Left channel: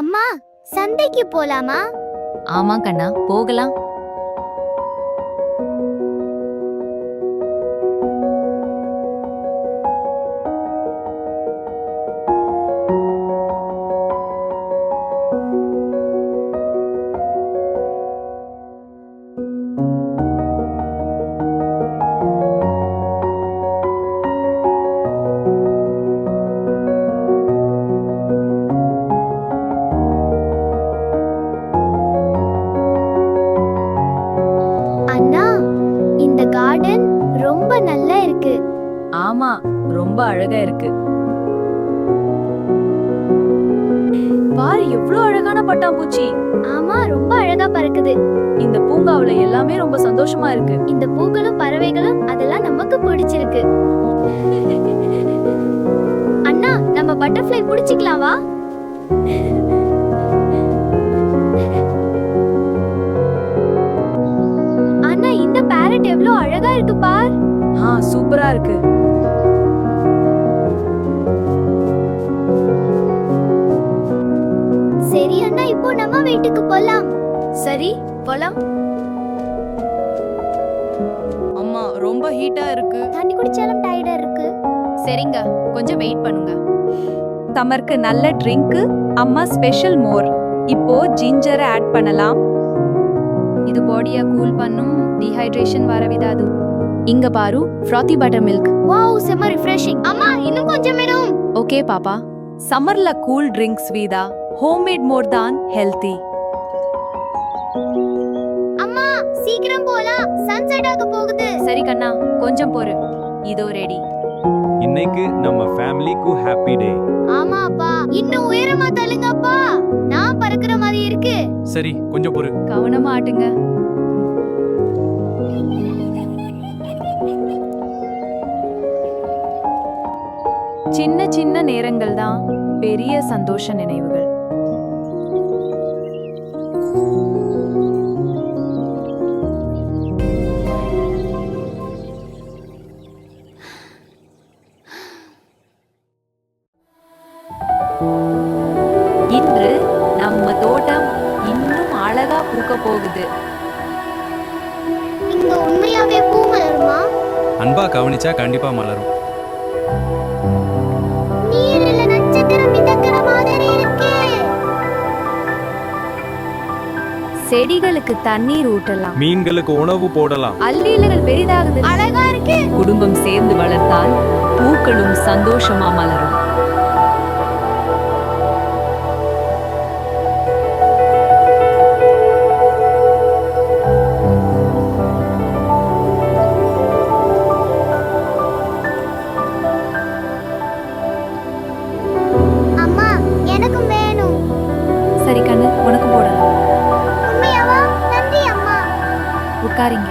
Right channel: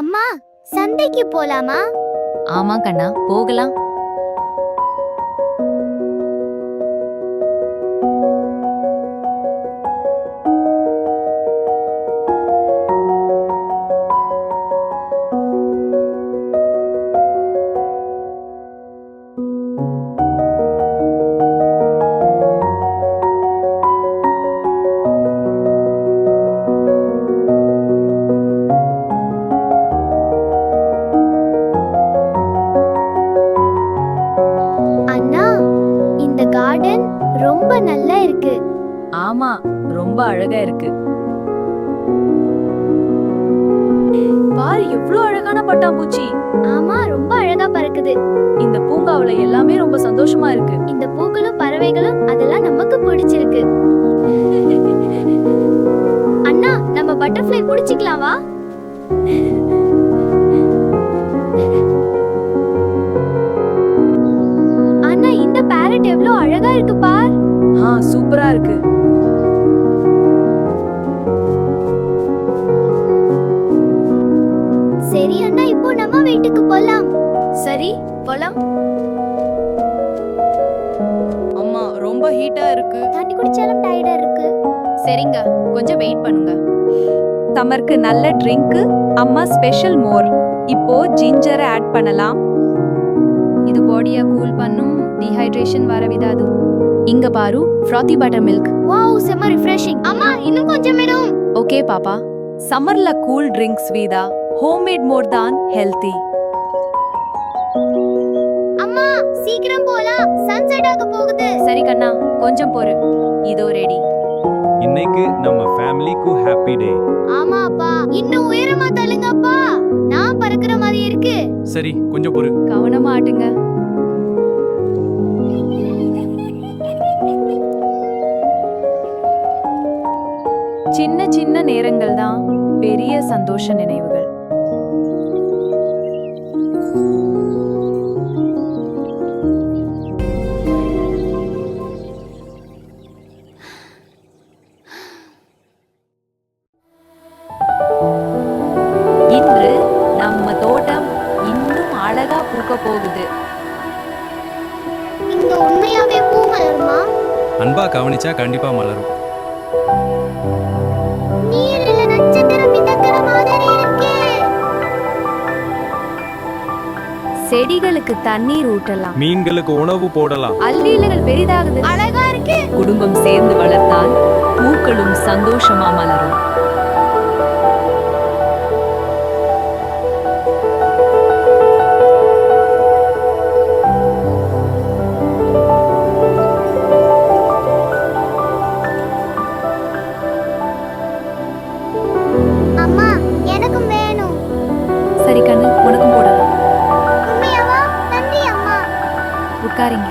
அம்மா, சந்தைக்கு போலாமா? ஆமா கண்ணா, போகலாம். அண்ணா, இந்த கார்டன் ரொம்ப நல்லா இருக்கு. ஆமா, ரொம்ப அழகா இருக்கு. பாரு எவ்வளவு அழகான பட்டாம்பூச்சி. ஆமா, ரொம்ப அழகா பறக்குது. இந்த பூங்காவுல எல்லாமே ரொம்ப சந்தோஷமா இருக்கு. இந்த பூக்களும் பறவைகளும் அதெல்லாம் நமக்கு பிடிச்சிருக்கு. அண்ணா, நம்ம பட்டர்ஃப்ளை பிடிச்சிக்கலாம் வா. அண்ணா, இந்த பேரட் எவ்வளவு அழகா இருக்கு பார். சூப்பரா இருக்கு. சரி அண்ணா, இப்போ நம்ம வீட்டுக்கு போலாம். சரி, போலாம். அம்மா, ரொம்ப ஹீட்டா இருக்கு. தண்ணி குடிச்சாலும் டயர்டா இருக்கு. சரிங்க, கொஞ்சம் வெயிட் பண்ணுங்க. சம்மருக்கு நல்ல ட்ரிங்க், அம்மா ஸ்பெஷல் மோர். இப்போ ஜிஞ்சரை ஆட் பண்ணலாம். இது பாடியை கூல் பண்ணும், டீஹைட்ரேஷன் வர விடாது. இங்க பாரு, ஃப்ராத்தி பட்டர் மில்க். வாவ், செம்ம ரிஃப்ரெஷிங். அம்மா, இன்னும் கொஞ்சம் வேணும். ஓகே பாப்பா. சம்மர்ல கூல் ட்ரிங்க்ஸ் வீதா ஹோம்மேட் மோர் தான் ஹெல்தி. அம்மா, சீக்கிரம் போலாம், சன்செட் ஆக போகுது. சரி கண்ணா, கொஞ்சம் பொறு. இதோ ரெடி. இன்னைக்கு நம்ம ஃபேமிலிக்கு ஹாப்பி டே. ஆமா அப்பா, இன்னும் உயரமா தள்ளுங்க அப்பா. நான் பறக்குற மாதிரி இருக்கு. சரி, கொஞ்சம் பொறு. கவனமா ஆட்டுங்க. சின்ன சின்ன நேரங்கள் தான் பெரிய சந்தோஷ நினைவுகள். இன்று நம்ம தோட்டம் இன்னும் அழகா பூக்க போகுது. இங்க உண்மையாவே பூ மலருமா? அன்பா கவனிச்சா கண்டிப்பா மலரும். நீரில நட்சத்திரம் மிதக்கிற மாதிரி இருக்கே. செடிகளுக்கு தண்ணீர் ஊட்டலாம், மீன்களுக்கு உணவு போடலாம். அல்லிகள் பெரிதாகுது. அழகா இருக்கு. குடும்பம் சேர்ந்து வளர்த்தால் பூக்களும் சந்தோஷமா மலரும். அம்மா, எனக்கும் வேணும். சரி கண்ணு, உனக்கும் போடலாம். உண்மையாவா? நன்றி அம்மா. உட்காரிங்க.